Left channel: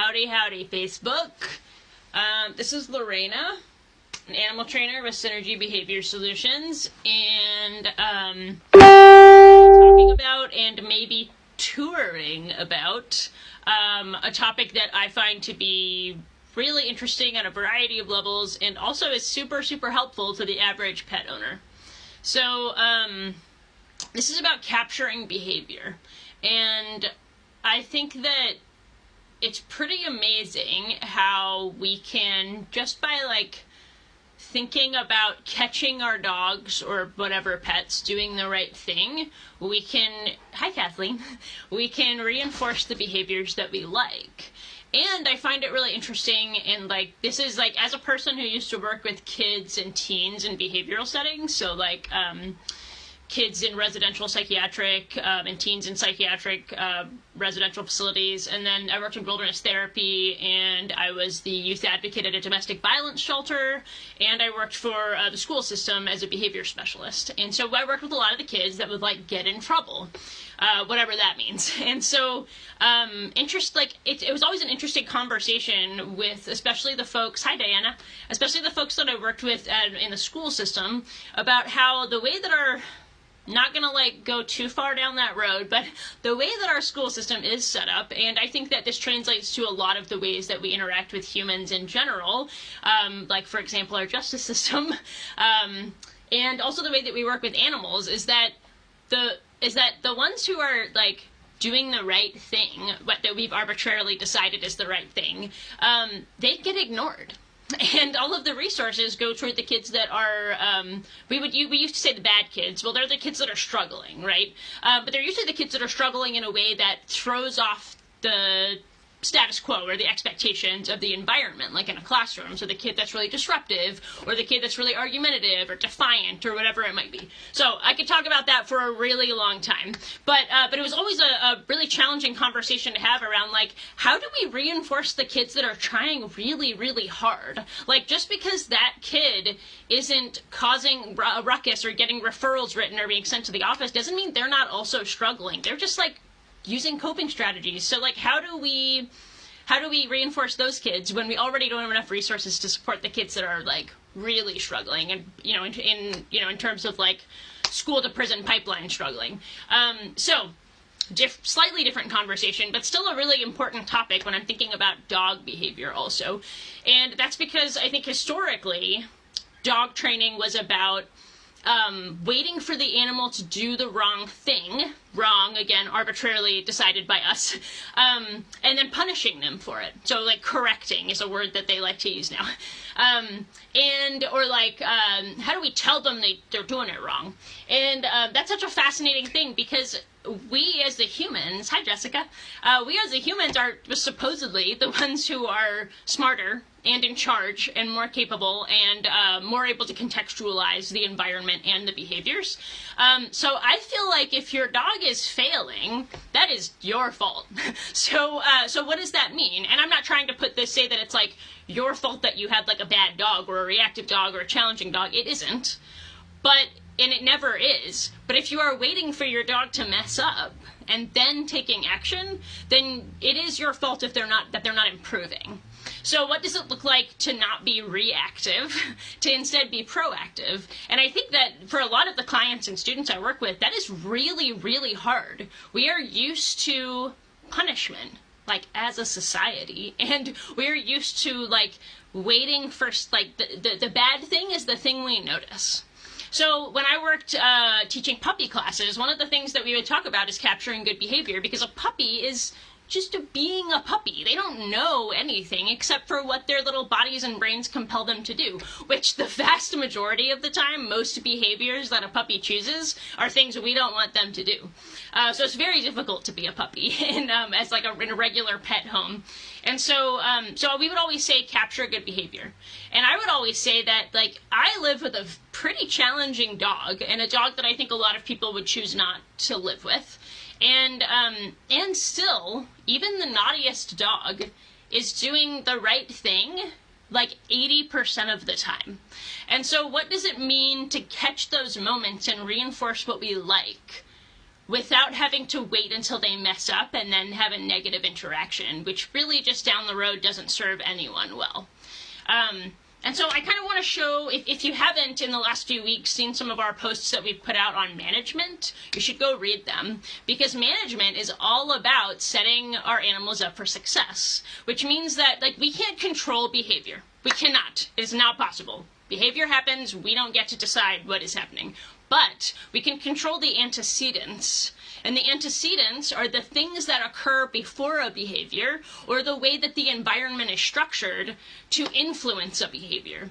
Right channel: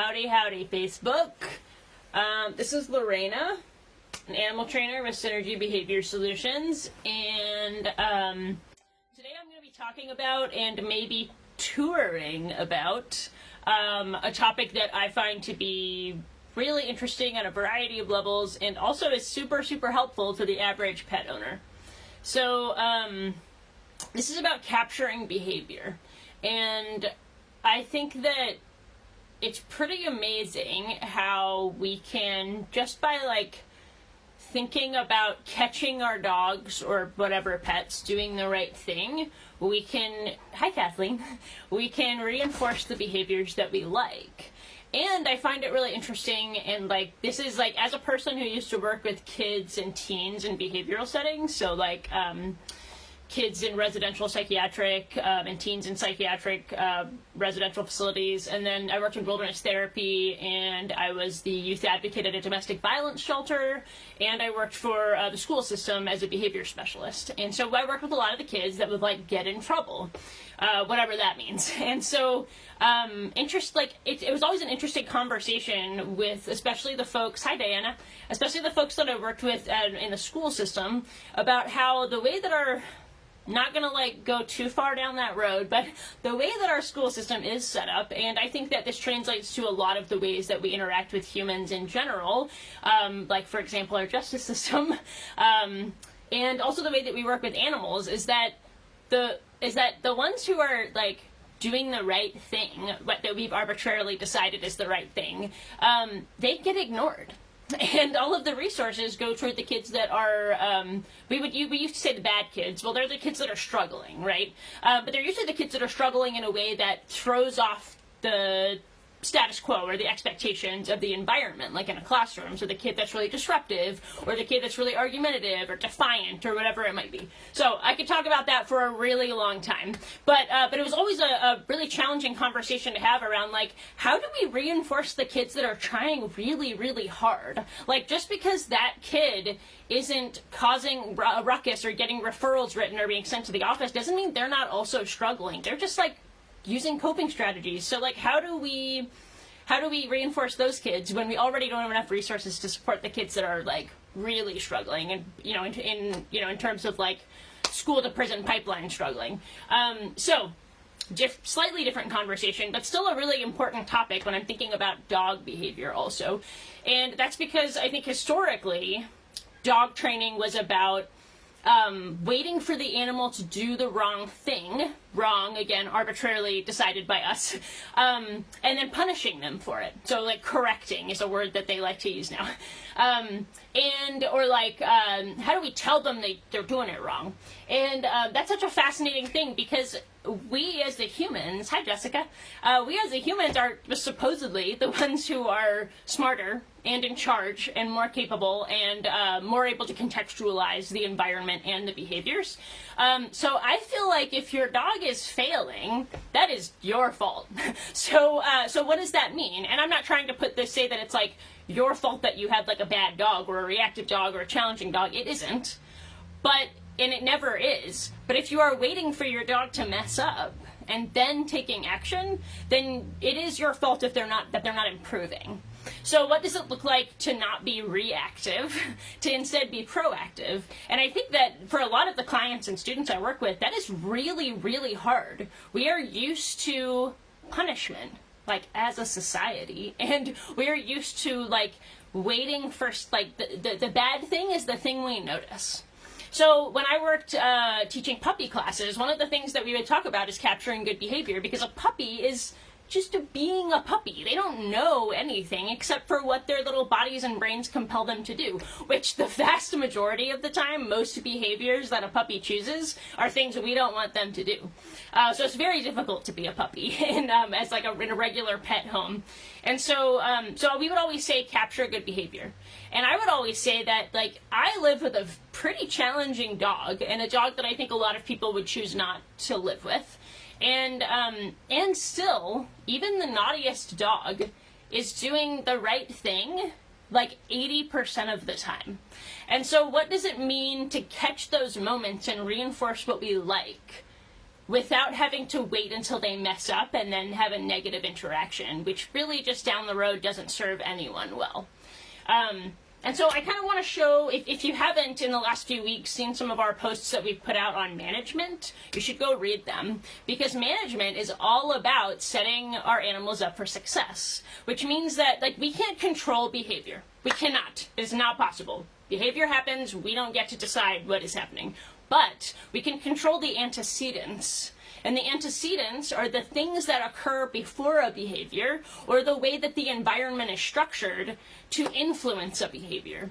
Howdy, howdy, Facebook. This is Lorena, an animal trainer with Synergy Behavior Solutions, and talking about and maybe touring about a topic that I find to be really interesting on a variety of levels and also is super, super helpful to the average pet owner. So, this is about capturing behavior, and I think that it's pretty amazing how we can, just by thinking about catching our dogs or whatever pets doing the right thing, we can, hi Kathleen, we can reinforce the behaviors that we like. And I find it really interesting, and this is as a person who used to work with kids and teens in behavioral settings, so kids in residential psychiatric and teens in psychiatric residential facilities. And then I worked in wilderness therapy, and I was the youth advocate at a domestic violence shelter, and I worked for the school system as a behavior specialist. And so I worked with a lot of the kids that would get in trouble, whatever that means. And so it was always an interesting conversation with especially the folks, hi Diana, especially the folks that I worked with in the school system, about how the way that our, not gonna go too far down that road, but the way that our school system is set up, and I think that this translates to a lot of the ways that we interact with humans in general, for example our justice system, and also the way that we work with animals, is that the ones who are doing the right thing, what that we've arbitrarily decided is the right thing, they get ignored. And all of the resources go toward the kids that are, we used to say the bad kids. Well, they're the kids that are struggling, right? But they're usually the kids that are struggling in a way that throws off the status quo or the expectations of the environment, like in a classroom. So the kid that's really disruptive, or the kid that's really argumentative or defiant, or whatever it might be. So I could talk about that for a really long time. But it was always a really challenging conversation to have around how do we reinforce the kids that are trying really, really hard? Just because that kid isn't causing a ruckus or getting referrals written or being sent to the office doesn't mean they're not also struggling. They're just using coping strategies. So how do we reinforce those kids when we already don't have enough resources to support the kids that are really struggling, and in terms of school to prison pipeline struggling. So slightly different conversation, but still a really important topic when I'm thinking about dog behavior also. And that's because I think historically dog training was about waiting for the animal to do the wrong thing, wrong, again, arbitrarily decided by us, and then punishing them for it. So, correcting is a word that they like to use now. How do we tell them they're doing it wrong? And that's such a fascinating thing, because we as the humans, hi Jessica, we as the humans are supposedly the ones who are smarter and in charge and more capable and more able to contextualize the environment and the behaviors. So I feel if your dog is failing, that is your fault. So what does that mean? And I'm not trying to say that it's your fault that you had a bad dog or a reactive dog or a challenging dog. It isn't. And it never is. But if you are waiting for your dog to mess up and then taking action, then it is your fault if they're not improving. So what does it look like to not be reactive, to instead be proactive? And I think that for a lot of the clients and students I work with, that is really, really hard. We are used to punishment, as a society, and we're used to waiting for the bad thing is the thing we notice. So when I worked teaching puppy classes, one of the things that we would talk about is capturing good behavior, because a puppy is just being a puppy. They don't know anything except for what their little bodies and brains compel them to do, which the vast majority of the time, most behaviors that a puppy chooses are things we don't want them to do. So it's very difficult to be a puppy in a regular pet home. And so we would always say capture good behavior. And I would always say that I live with a pretty challenging dog, and a dog that I think a lot of people would choose not to live with. And still, even the naughtiest dog is doing the right thing 80% of the time. And so what does it mean to catch those moments and reinforce what we like without having to wait until they mess up and then have a negative interaction, which really just down the road doesn't serve anyone well. And so I kind of want to show, if you haven't in the last few weeks seen some of our posts that we've put out on management, you should go read them, because management is all about setting our animals up for success, which means that we can't control behavior. We cannot. It is not possible. Behavior happens, we don't get to decide what is happening. But we can control the antecedents. And the antecedents are the things that occur before a behavior, or the way that the environment is structured to influence a behavior.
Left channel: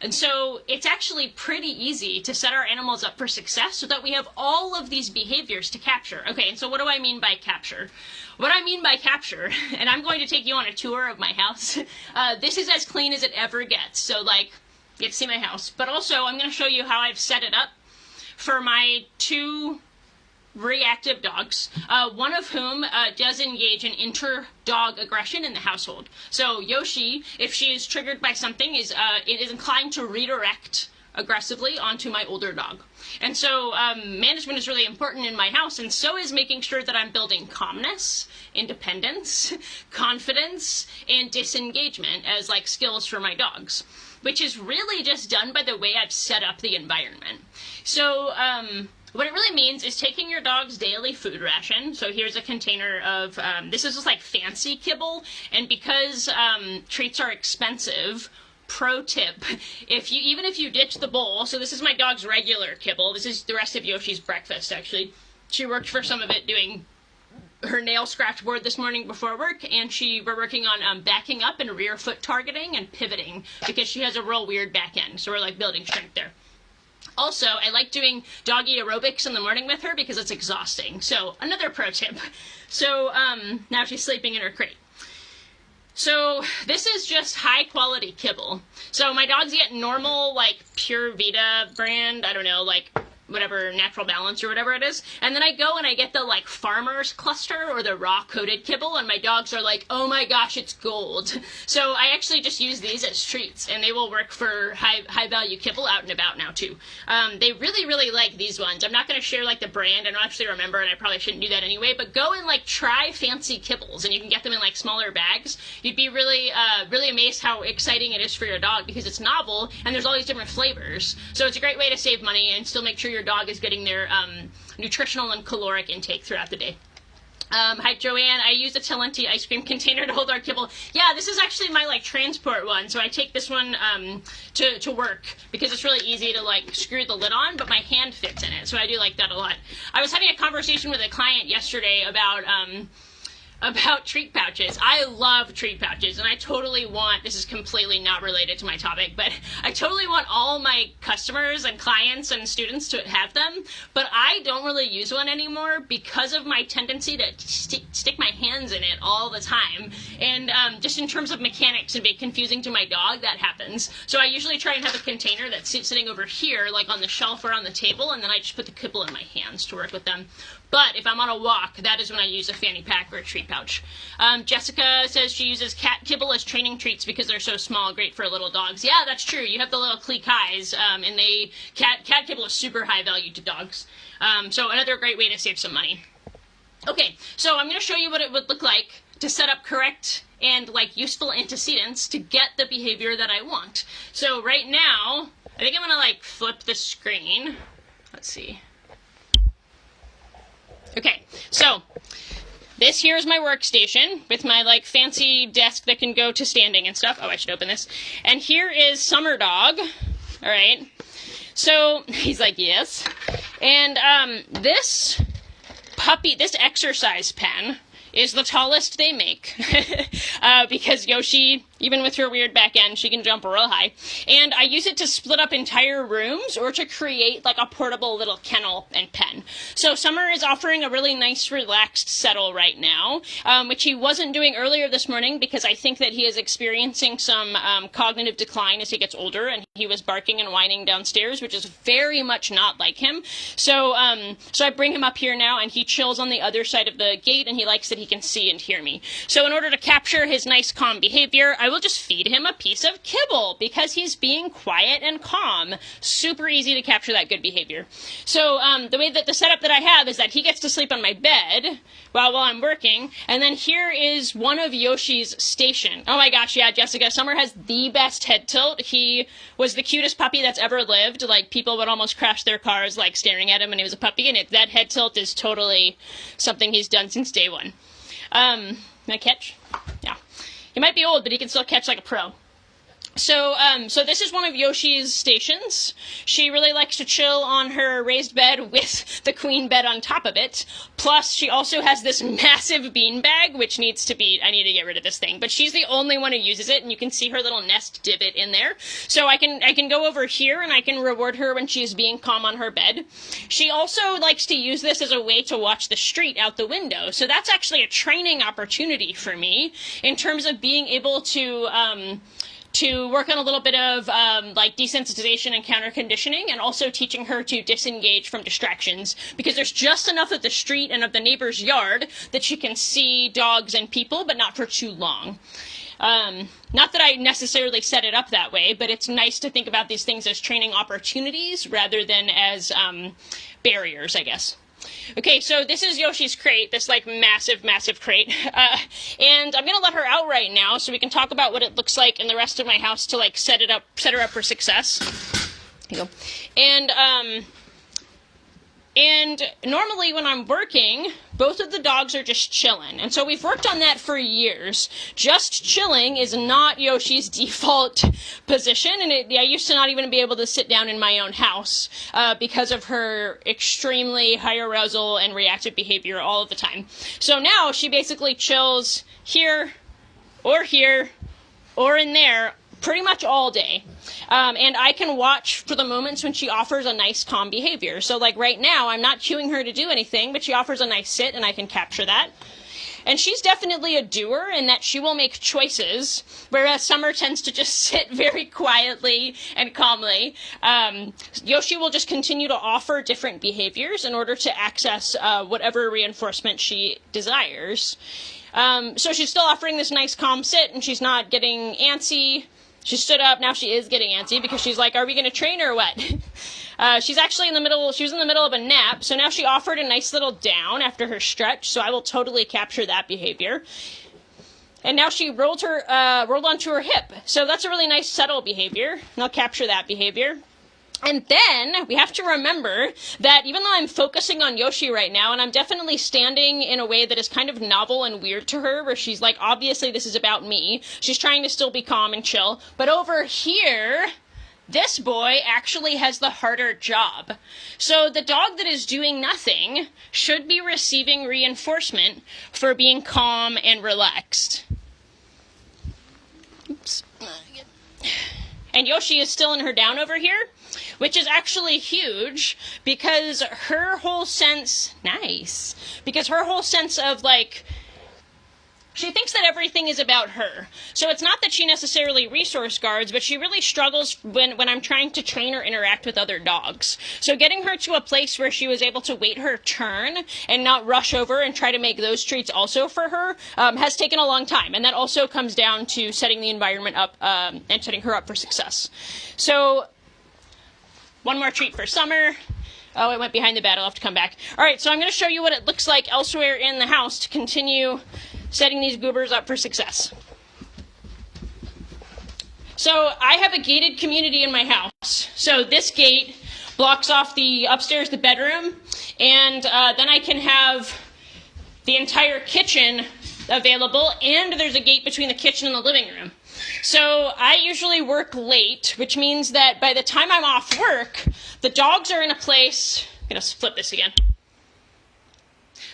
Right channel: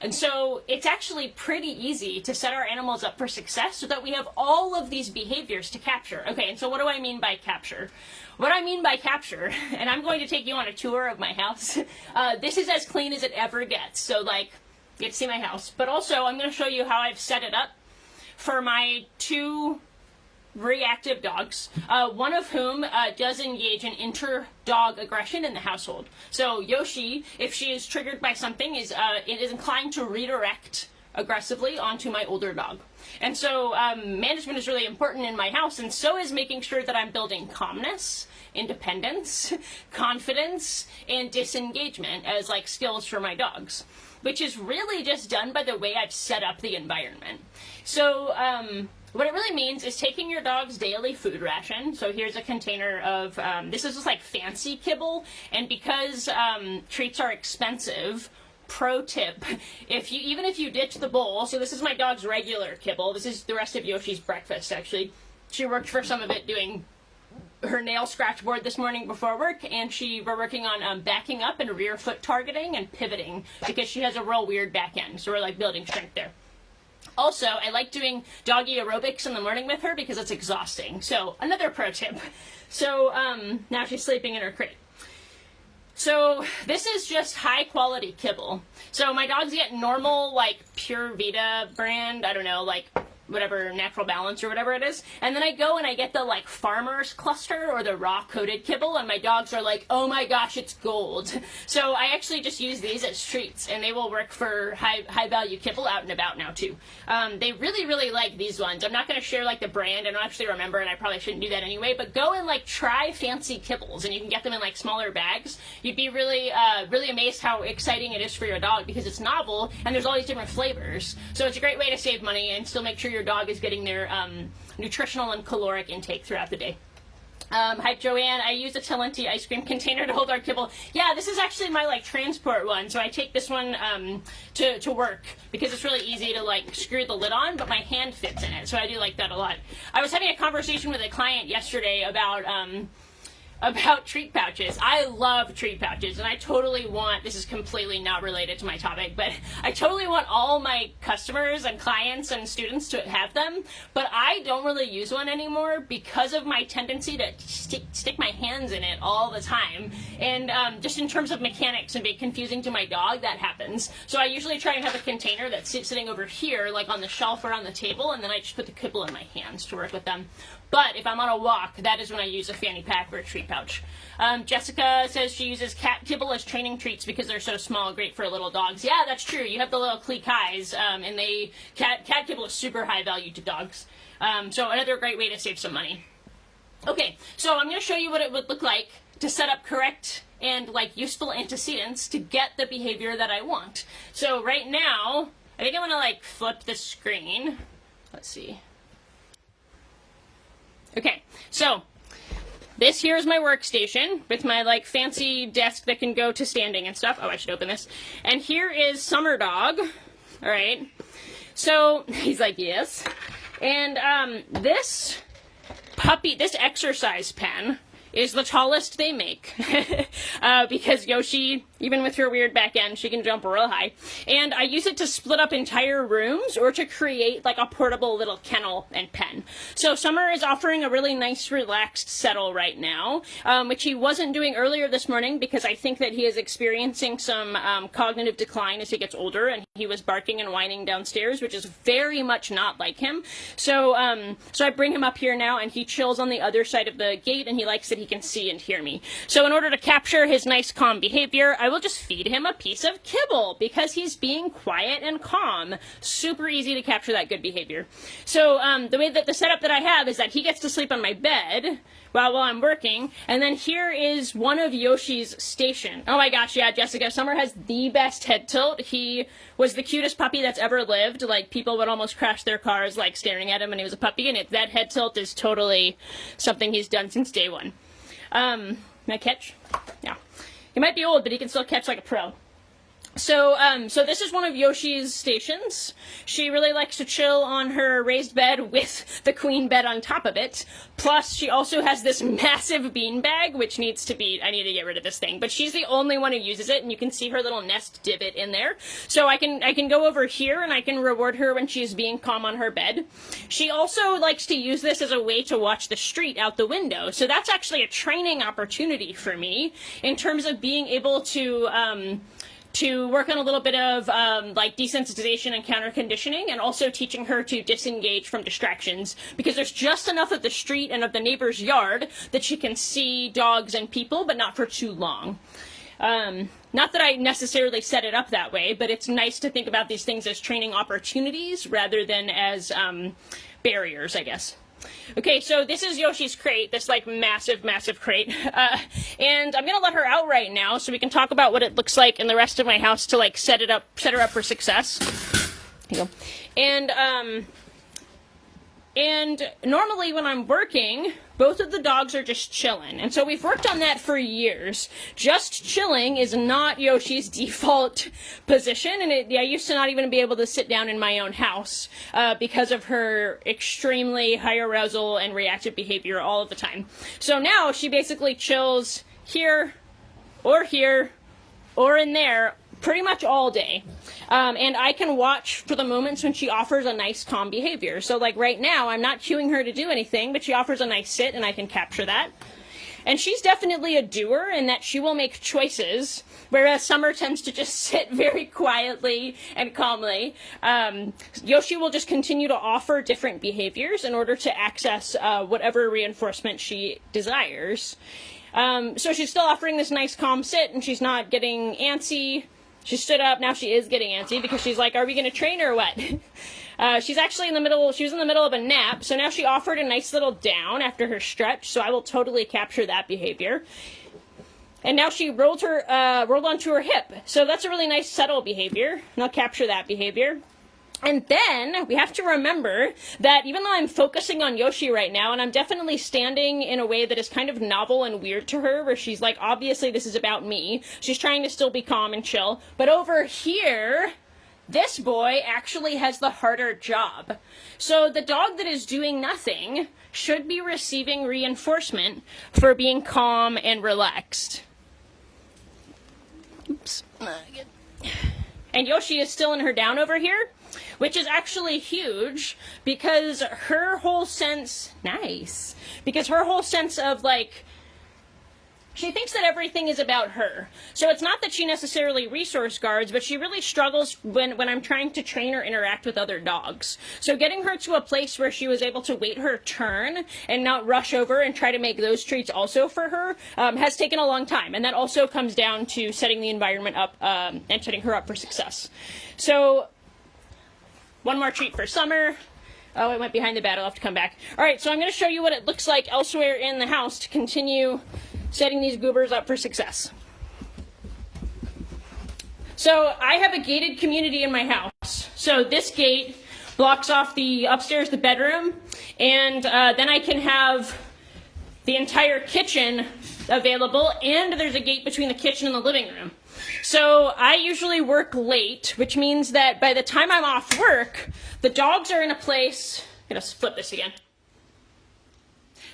And so it's actually pretty easy to set our animals up for success so that we have all of these behaviors to capture. Okay, and so what do I mean by capture? What I mean by capture, and I'm going to take you on a tour of my house. This is as clean as it ever gets. So you get to see my house. But also I'm going to show you how I've set it up for my 2 reactive dogs, one of whom does engage in inter-dog aggression in the household. So Yoshi, if she is triggered by something, is inclined to redirect aggressively onto my older dog. And so management is really important in my house, and so is making sure that I'm building calmness, independence, confidence, and disengagement as skills for my dogs, which is really just done by the way I've set up the environment. So what it really means is taking your dog's daily food ration. So here's a container of, this is just fancy kibble, and because treats are expensive, pro tip, even if you ditch the bowl, so this is my dog's regular kibble, this is the rest of Yoshi's breakfast actually. She worked for some of it doing her nail scratch board this morning before work, and we're working on backing up and rear foot targeting and pivoting, because she has a real weird back end, so we're building strength there. Also, I like doing doggy aerobics in the morning with her because it's exhausting. So another pro tip. So now she's sleeping in her crate. So this is just high quality kibble. So my dogs get normal Pure Vita brand, I don't know, whatever, Natural Balance or whatever it is, and then I go and I get the Farmer's Cluster or the raw coated kibble, and my dogs are oh my gosh, it's gold. So I actually just use these as treats, and they will work for high value kibble out and about now too. They really like these ones. I'm not going to share the brand, I don't actually remember, and I probably shouldn't do that anyway, but go and try fancy kibbles, and you can get them in smaller bags. You'd be really amazed how exciting it is for your dog, because it's novel and there's all these different flavors. So it's a great way to save money and still make sure your dog is getting their nutritional and caloric intake throughout the day. Hi Joanne, I use a Talenti ice cream container to hold our kibble. Yeah, this is actually my transport one, so I take this one to work because it's really easy to screw the lid on, but my hand fits in it, so I do like that a lot. I was having a conversation with a client yesterday about treat pouches. I love treat pouches, and I totally want, this is completely not related to my topic, but I totally want all my customers and clients and students to have them, but I don't really use one anymore because of my tendency to stick my hands in it all the time, and just in terms of mechanics and being confusing to my dog, that happens. So I usually try and have a container that's sitting over here, on the shelf or on the table, and then I just put the kibble in my hands to work with them. But if I'm on a walk, that is when I use a fanny pack or a treat pouch. Jessica says she uses cat kibble as training treats because they're so small, great for little dogs. Yeah, that's true. You have the little Cleek-Highs, and cat kibble is super high value to dogs. So another great way to save some money. Okay, so I'm going to show you what it would look like to set up correct and useful antecedents to get the behavior that I want. So right now, I think I'm going to flip the screen. Let's see. Okay, so this here is my workstation with my fancy desk that can go to standing and stuff. Oh, I should open this. And here is Summer Dog. All right. So he's yes. And this exercise pen is the tallest they make because Yoshi, even with her weird back end, she can jump real high. And I use it to split up entire rooms or to create a portable little kennel and pen. So Summer is offering a really nice relaxed settle right now, which he wasn't doing earlier this morning because I think that he is experiencing some cognitive decline as he gets older, and he was barking and whining downstairs, which is very much not like him. So I bring him up here now, and he chills on the other side of the gate, and he likes that he can see and hear me. So in order to capture his nice calm behavior, I will just feed him a piece of kibble because he's being quiet and calm. Super easy to capture that good behavior. So the way that the setup that I have is that he gets to sleep on my bed while I'm working, and then here is one of Yoshi's station. Oh my gosh, yeah, Jessica, Summer has the best head tilt. He was the cutest puppy that's ever lived. Like, people would almost crash their cars, like, staring at him when he was a puppy, and that head tilt is totally something he's done since day one. Can I catch? Yeah. He might be old, but he can still catch like a pro. So this is one of Yoshi's stations. She really likes to chill on her raised bed with the queen bed on top of it. Plus, she also has this massive bean bag, which I need to get rid of this thing. But she's the only one who uses it, and you can see her little nest divot in there. So I can go over here, and I can reward her when she's being calm on her bed. She also likes to use this as a way to watch the street out the window. So that's actually a training opportunity for me in terms of being able to work on a little bit of like desensitization and counter conditioning, and also teaching her to disengage from distractions, because there's just enough of the street and of the neighbor's yard that she can see dogs and people, but not for too long. Not that I necessarily set it up that way, but it's nice to think about these things as training opportunities rather than as barriers, I guess. Okay, so this is Yoshi's crate, this like massive crate, and I'm gonna let her out right now so we can talk about what it looks like in the rest of my house to like set her up for success. Here you go. And normally when I'm working, both of the dogs are just chilling. And so we've worked on that for years. Just chilling is not Yoshi's default position. And I used to not even be able to sit down in my own house because of her extremely high arousal and reactive behavior all of the time. So now she basically chills here or in there pretty much all day. And I can watch for the moments when she offers a nice calm behavior. So like right now, I'm not cueing her to do anything, but she offers a nice sit and I can capture that. And she's definitely a doer in that she will make choices, whereas Summer tends to just sit very quietly and calmly. Yoshi will just continue to offer different behaviors in order to access whatever reinforcement she desires. So she's still offering this nice calm sit, and she's not getting antsy. She stood up, now she is getting antsy because she's like, are we going to train or what? She was in the middle of a nap, so now she offered a nice little down after her stretch, so I will totally capture that behavior. And now she rolled onto her hip, so that's a really nice subtle behavior, and I'll capture that behavior. And then we have to remember that even though I'm focusing on Yoshi right now, and I'm definitely standing in a way that is kind of novel and weird to her, where she's like, obviously this is about me. She's trying to still be calm and chill. But over here, this boy actually has the harder job. So the dog that is doing nothing should be receiving reinforcement for being calm and relaxed. Oops. And Yoshi is still in her down over here, which is actually huge because her whole sense of like, she thinks that everything is about her. So it's not that she necessarily resource guards, but she really struggles when I'm trying to train or interact with other dogs. So getting her to a place where she was able to wait her turn and not rush over and try to make those treats also for her has taken a long time. And that also comes down to setting the environment up and setting her up for success. So one more treat for Summer. Oh, it went behind the bed. I'll have to come back. All right, so I'm going to show you what it looks like elsewhere in the house to continue setting these goobers up for success. So I have a gated community in my house. So this gate blocks off the upstairs, the bedroom, and then I can have the entire kitchen available, and there's a gate between the kitchen and the living room. So I usually work late, which means that by the time I'm off work, the dogs are in a place, I'm going to flip this again.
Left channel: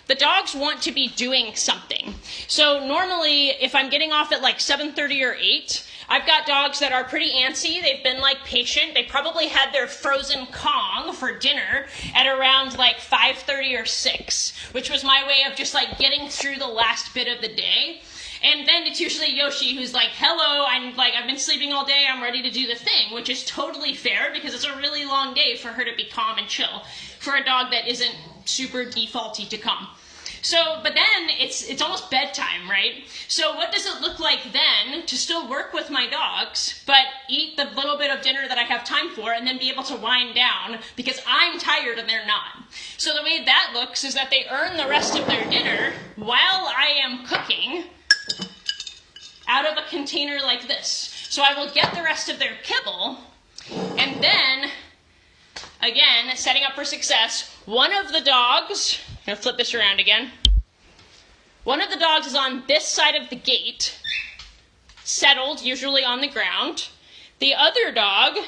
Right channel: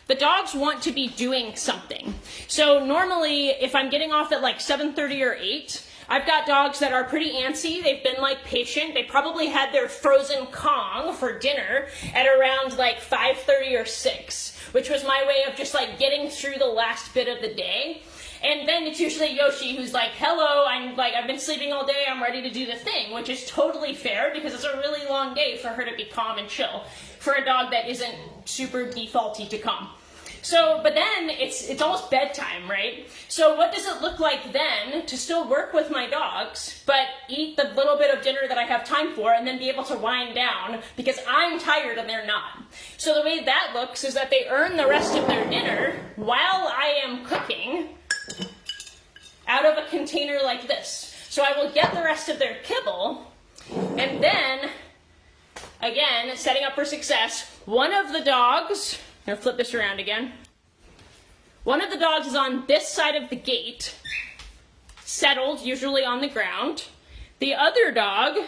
The dogs want to be doing something. So normally, if I'm getting off at like 7:30 or 8, I've got dogs that are pretty antsy. They've been like patient. They probably had their frozen Kong for dinner at around like 5:30 or 6, which was my way of just like getting through the last bit of the day. And then it's usually Yoshi who's like, hello, I've been sleeping all day, I'm ready to do the thing, which is totally fair because it's a really long day for her to be calm and chill for a dog that isn't super defaulty to calm. So, but then it's almost bedtime, right? So what does it look like then to still work with my dogs, but eat the little bit of dinner that I have time for and then be able to wind down because I'm tired and they're not? So the way that looks is that they earn the rest of their dinner while I am cooking out of a container like this. So I will get the rest of their kibble, and then, again, setting up for success, one of the dogs, I'm gonna flip this around again. One of the dogs is on this side of the gate, settled, usually on the ground. The other dog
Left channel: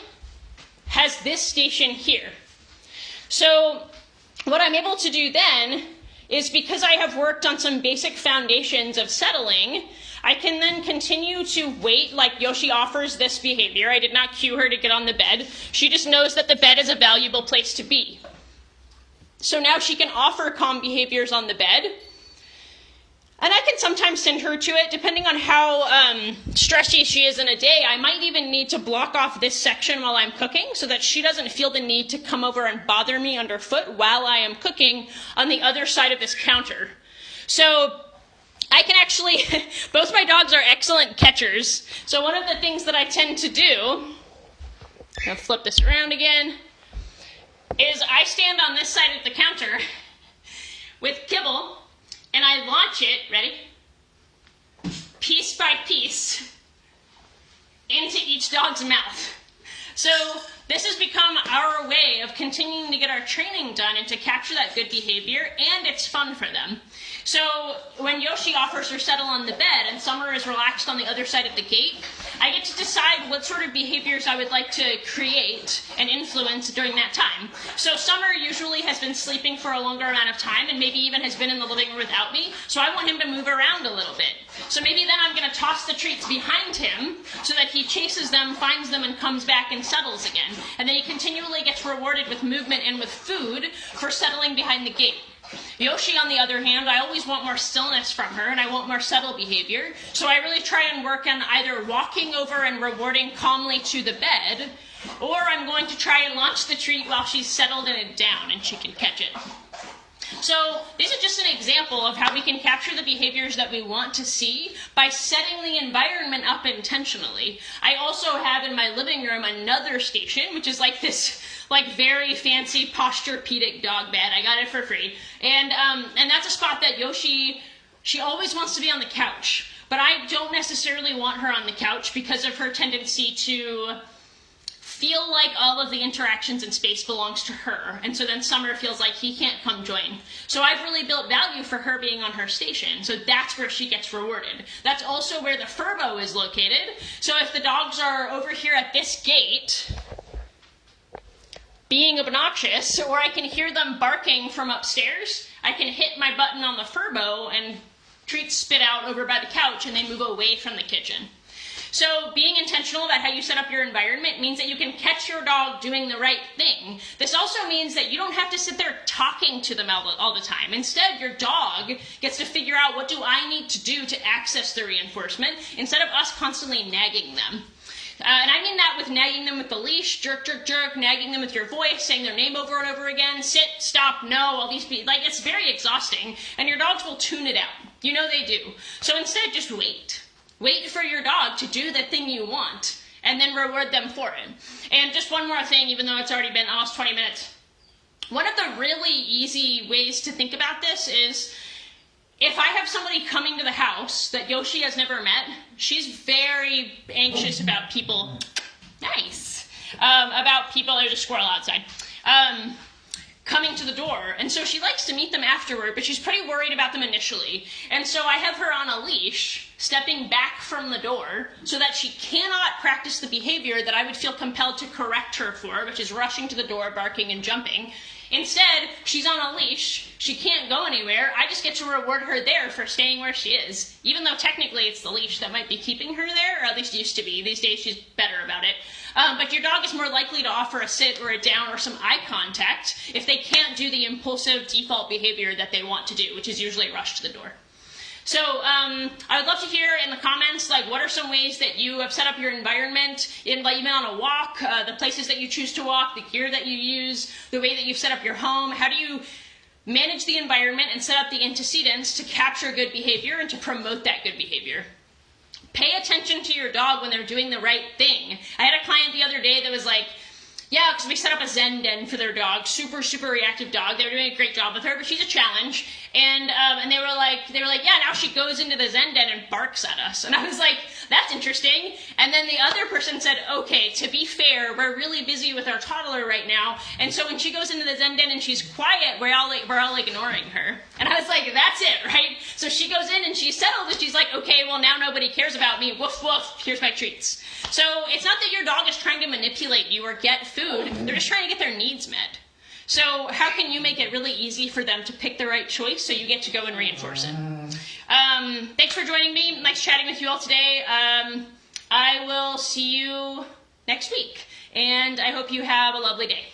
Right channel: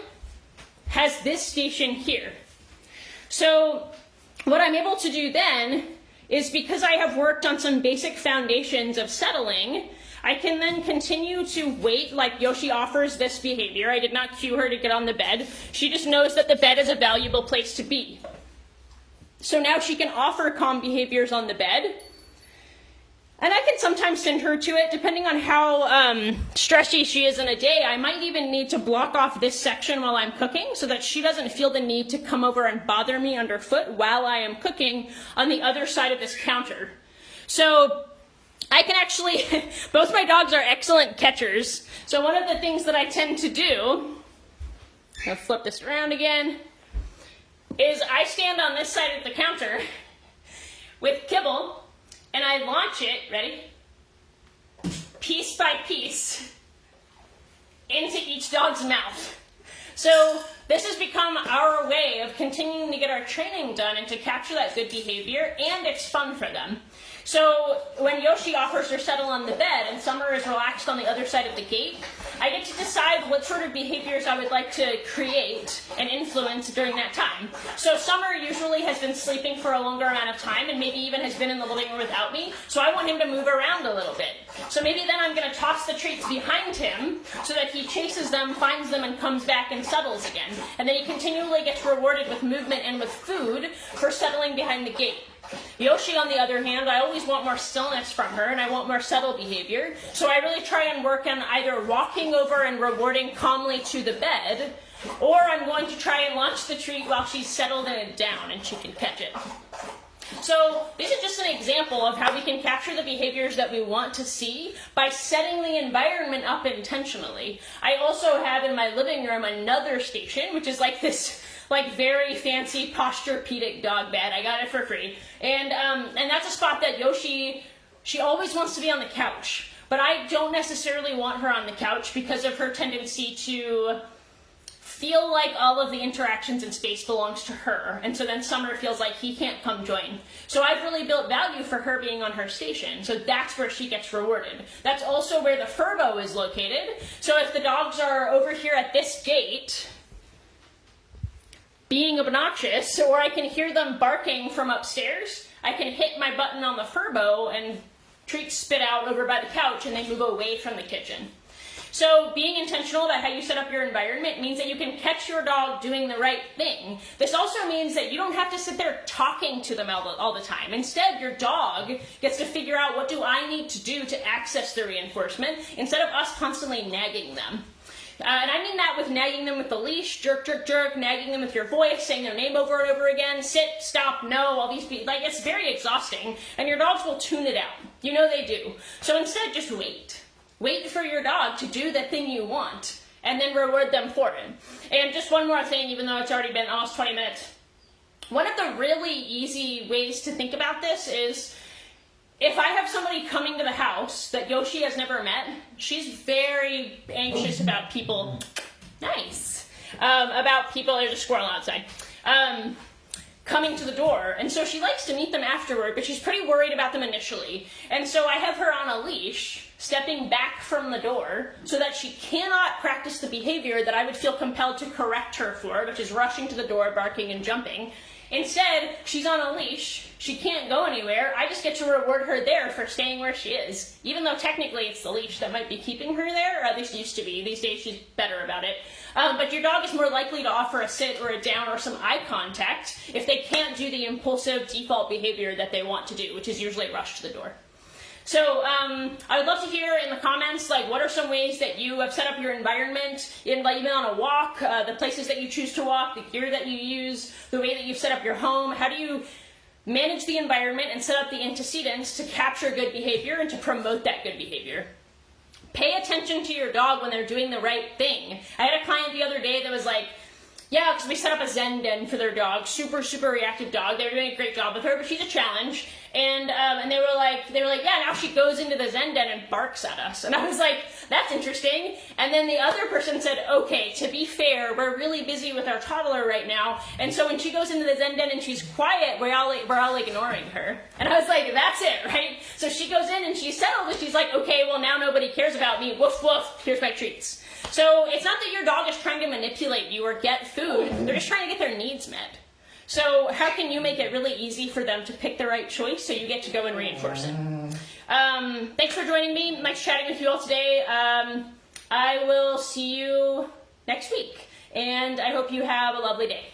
has this station here. So what I'm able to do then is, because I have worked on some basic foundations of settling, I can then continue to wait, like Yoshi offers this behavior. I did not cue her to get on the bed. She just knows that the bed is a valuable place to be. So now she can offer calm behaviors on the bed. And I can sometimes send her to it, depending on how stressy she is in a day. I might even need to block off this section while I'm cooking so that she doesn't feel the need to come over and bother me underfoot while I am cooking on the other side of this counter. So I can actually, both my dogs are excellent catchers. So one of the things that I tend to do, I'll flip this around again, is I stand on this side of the counter with kibble, and I launch it, ready? Piece by piece into each dog's mouth. So this has become our way of continuing to get our training done and to capture that good behavior, and it's fun for them. So when Yoshi offers her settle on the bed and Summer is relaxed on the other side of the gate, I get to decide what sort of behaviors I would like to create and influence during that time. So Summer usually has been sleeping for a longer amount of time and maybe even has been in the living room without me, so I want him to move around a little bit. So maybe then I'm going to toss the treats behind him so that he chases them, finds them, and comes back and settles again. And then he continually gets rewarded with movement and with food for settling behind the gate. Yoshi, on the other hand, I always want more stillness from her, and I want more subtle behavior. So I really try and work on either walking over and rewarding calmly to the bed, or I'm going to try and launch the treat while she's settled in it down and she can catch it. So this is just an example of how we can capture the behaviors that we want to see by setting the environment up intentionally. I also have in my living room another station, which is like this very fancy Posturepedic dog bed. I got it for free. And that's a spot that Yoshi, she always wants to be on the couch. But I don't necessarily want her on the couch because of her tendency to feel like all of the interactions and space belongs to her. And so then Summer feels like he can't come join. So I've really built value for her being on her station. So that's where she gets rewarded. That's also where the furbo is located. So if the dogs are over here at this gate being obnoxious, or I can hear them barking from upstairs, I can hit my button on the furbo and treats spit out over by the couch and they move away from the kitchen. So being intentional about how you set up your environment means that you can catch your dog doing the right thing. This also means that you don't have to sit there talking to them all the time. Instead, your dog gets to figure out, what do I need to do to access the reinforcement, instead of us constantly nagging them. And I mean that with nagging them with the leash, jerk, jerk, jerk, nagging them with your voice, saying their name over and over again, sit, stop, no, all these people. Like, it's very exhausting, and your dogs will tune it out. You know they do. So instead, just wait. Wait for your dog to do the thing you want, and then reward them for it. And just one more thing, even though it's already been almost 20 minutes. One of the really easy ways to think about this is, if I have somebody coming to the house that Yoshi has never met, she's very anxious about people. Nice. About people, there's a squirrel outside. Coming to the door. And so she likes to meet them afterward, but she's pretty worried about them initially. And so I have her on a leash, stepping back from the door, so that she cannot practice the behavior that I would feel compelled to correct her for, which is rushing to the door, barking, and jumping. Instead, she's on a leash, she can't go anywhere, I just get to reward her there for staying where she is. Even though technically it's the leash that might be keeping her there, or at least used to be. These days she's better about it. But your dog is more likely to offer a sit or a down or some eye contact if they can't do the impulsive default behavior that they want to do, which is usually rush to the door. So I would love to hear in the comments, like, what are some ways that you have set up your environment, even on a walk, the places that you choose to walk, the gear that you use, the way that you've set up your home. How do you manage the environment and set up the antecedents to capture good behavior and to promote that good behavior. Pay attention to your dog when they're doing the right thing. I had a client the other day that was like, yeah, because we set up a Zen den for their dog, super, super reactive dog. They were doing a great job with her, but she's a challenge. And they were like, yeah, now she goes into the Zen den and barks at us. And I was like, that's interesting. And then the other person said, okay, to be fair, we're really busy with our toddler right now. And so when she goes into the Zen den and she's quiet, we're all ignoring her. And I was like, that's it, right? So she goes in and she's settled and she's like, okay, well now nobody cares about me. Woof, woof, here's my treats. So it's not that your dog is trying to manipulate you or get food. They're just trying to get their needs met. So how can you make it really easy for them to pick the right choice so you get to go and reinforce it? Thanks for joining me. Nice chatting with you all today. I will see you next week, and I hope you have a lovely day.